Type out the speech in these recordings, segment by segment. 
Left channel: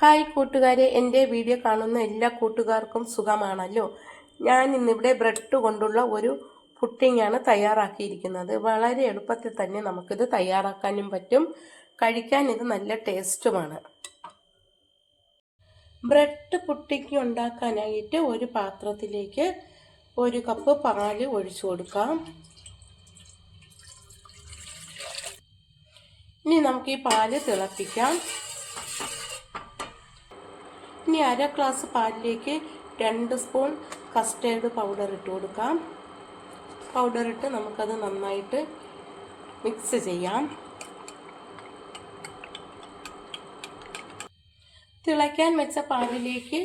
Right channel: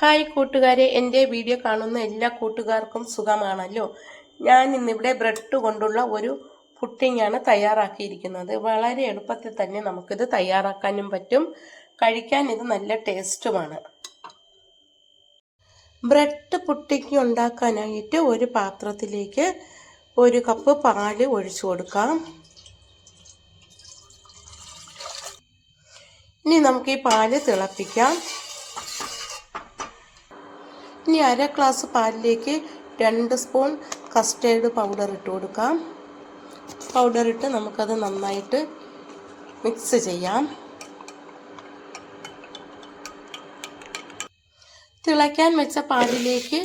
Hi കൂട്ടുകാരെ, എൻ്റെ video കാണുന്ന എല്ലാ കൂട്ടുകാർക്കും സുഖമാണല്ലോ. ഞാൻ ഇന്നിവിടെ ബ്രെഡ് കൊണ്ടുള്ള ഒരു പുഡിംഗാണ് തയ്യാറാക്കിയിരിക്കുന്നത്. വളരെ എളുപ്പത്തിൽ തന്നെ നമുക്കിത് തയ്യാറാക്കാനും പറ്റും. കഴിക്കാൻ ഇത് നല്ല ടേസ്റ്റുമാണ്. ബ്രെഡ് പുഡിംഗ് ഉണ്ടാക്കാനായിട്ട് ഒരു പാത്രത്തിലേക്ക് 1 കപ്പ് പാല് ഒഴിച്ചു കൊടുക്കാം. ഇനി നമുക്ക് ഈ പാല് തിളപ്പിക്കാം. ഇനി 1/2 ഗ്ലാസ് പാലിലേക്ക് 2 സ്പൂൺ കസ്റ്റേർഡ് പൗഡർ ഇട്ട് കൊടുക്കാം. പൗഡർ ഇട്ട് നമുക്കത് നന്നായിട്ട് മിക്സ് ചെയ്യാം. തിളയ്ക്കാൻ വെച്ച പാലിലേക്ക്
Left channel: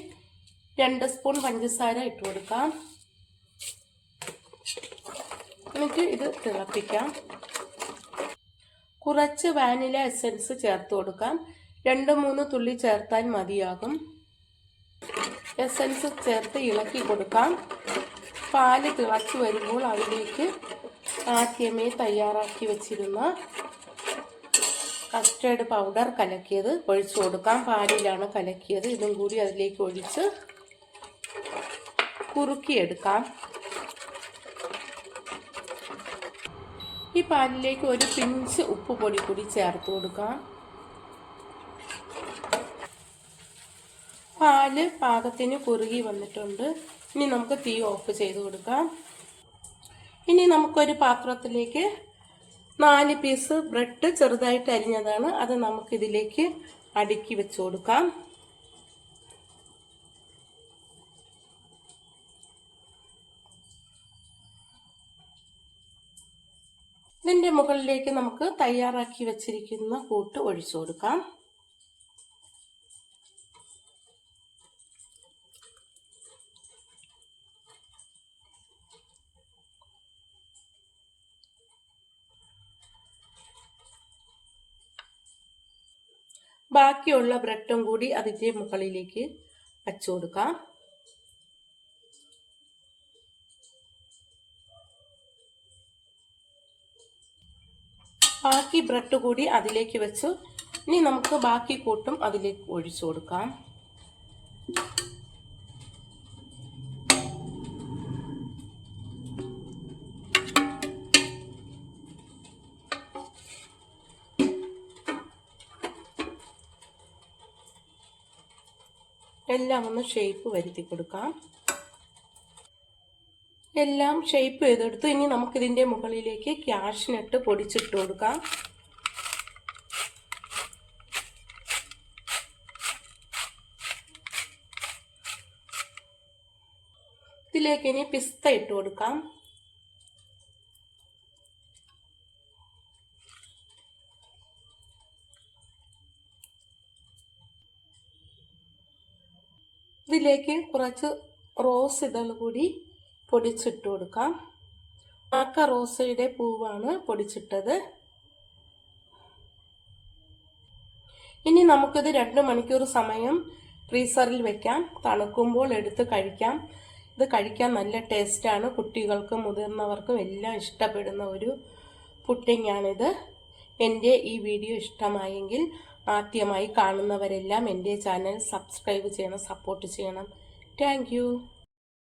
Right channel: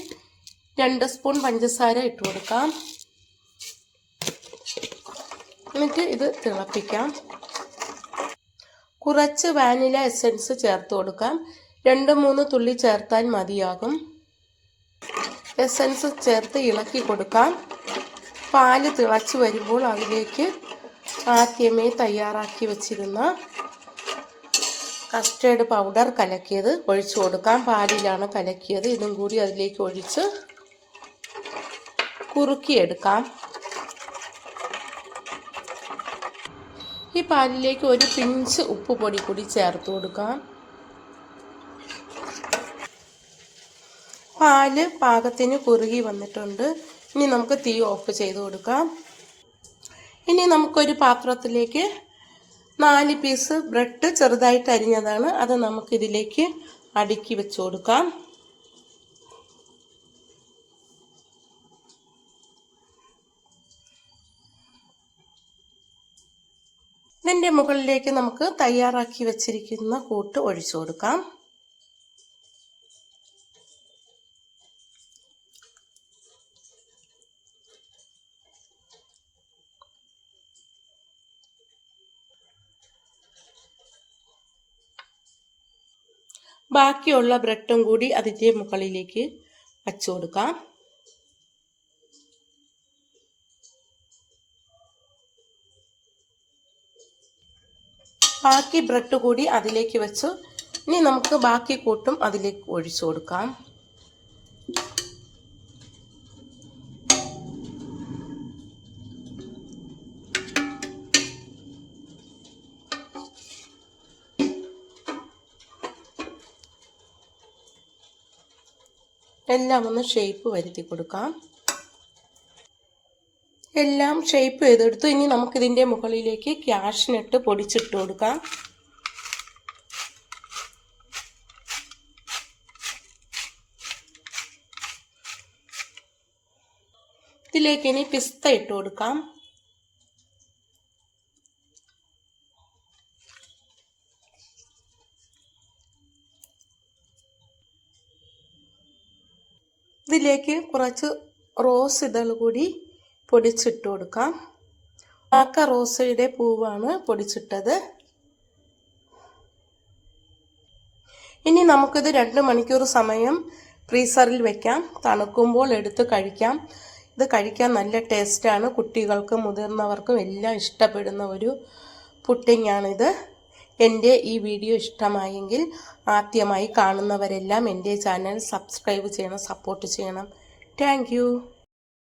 2 സ്പൂൺ പഞ്ചസാര ഇട്ട് കൊടുക്കാം. എന്നിട്ട് ഇത് തിളപ്പിക്കാം. കുറച്ച് വാനില എസൻസ് ചേർത്ത് കൊടുക്കാം. 2-3 തുള്ളി ചേർത്താൽ മതിയാകും. എസൻസ് ചേർത്ത് ഇളക്കി കൊടുക്കാം. പാല് തിളച്ച് വരുമ്പോൾ അതിലേക്ക് ആദ്യമേ തയ്യാറാക്കി വെച്ചിരുന്ന കസ്റ്റേർഡ് പൗഡർ കലക്കിയത് ഒഴിച്ചു കൊടുക്കാം. പാലിലാണ് കലക്കിയത്. ഇതും കൂടി അതിലേക്ക് ഒഴിച്ച് കുറുക്കിയെടുക്കാം. ഈ പാലിലേക്ക് ഒരു പിഞ്ച് ഉപ്പ് പൊടി കൂടി ചേർത്ത് കൊടുക്കാം. പാല് പാകത്തിന് കുറുകി വന്നിട്ടുണ്ട്. ഇനി നമുക്ക് തീ ഓഫ് ചെയ്ത് കൊടുക്കാം. ഇനി നമുക്കൊരു പാത്രത്തിലേക്ക് 4 പീസ് ബ്രെഡ് ചെറുതായിട്ട് അരിഞ്ഞതാണ്. അത് നമുക്കിതിലേക്ക് അടുക്കി വെച്ച് കൊടുക്കാം. ഇതിൻ്റെ മുകളിലേക്ക് നമുക്ക് തയ്യാറാക്കി വെച്ചിരിക്കുന്ന കൂട്ട് ഒഴിച്ചു കൊടുക്കാം. ബാക്കിയുള്ള ബ്രെഡും കൂടി അതിൻ്റെ മുകളിലേക്ക് വച്ചു കൊടുക്കാം. ബാക്കി ബ്രെഡ് കൂടി അതിലേക്ക് വെച്ചു. ഇനി നമുക്ക് ബാക്കി കൂട്ടും അതിലേക്ക് ഒഴിച്ചു കൊടുക്കാം. എല്ലാം ഒന്ന് ഷേപ്പ് വരുത്തി കൊടുക്കാം. എല്ലാം ഷേപ്പ് ചെയ്തെടുത്തു. ഇനി നമുക്കിതിൻ്റെ മുകളിലേക്ക് കാഷ്നട്ട് പൊടിച്ചിട്ട് കൊടുക്കാം. ഇതിലേക്ക് ഇനി പിസ്ത ഇട്ട് കൊടുക്കാം. ഇതിലേക്ക് കുറച്ച് റോസ് ഇതൾ കൂടി പൊടിച്ചിട്ട് കൊടുക്കാം. റോസയുടെ പൂവാണ് പൊടിച്ചിട്ടത്. ഇനി നമുക്കിത് 2 മണിക്കൂർ സമയം ഫ്രീസറിൽ വെക്കാം. തണുക്കുമ്പോൾ എടുത്ത് കഴിക്കാം. ഇത് കഴിക്കാൻ നല്ല ടേസ്റ്റാണ്. കുട്ടികൾക്കും മുതിർന്നവർക്കും എല്ലാം ഇഷ്ടപ്പെടുന്ന ഒരു പുഡിംഗാണിത്. എൻ്റെ ഈ വീഡിയോ ഇഷ്ടമായെങ്കിൽ ആദ്യമായി കാണുന്നവരെല്ലാം എൻ്റെ ചാനൽ സബ്സ്ക്രൈബ് ചെയ്യണം, സപ്പോർട്ട് ചെയ്യണം. Thank you.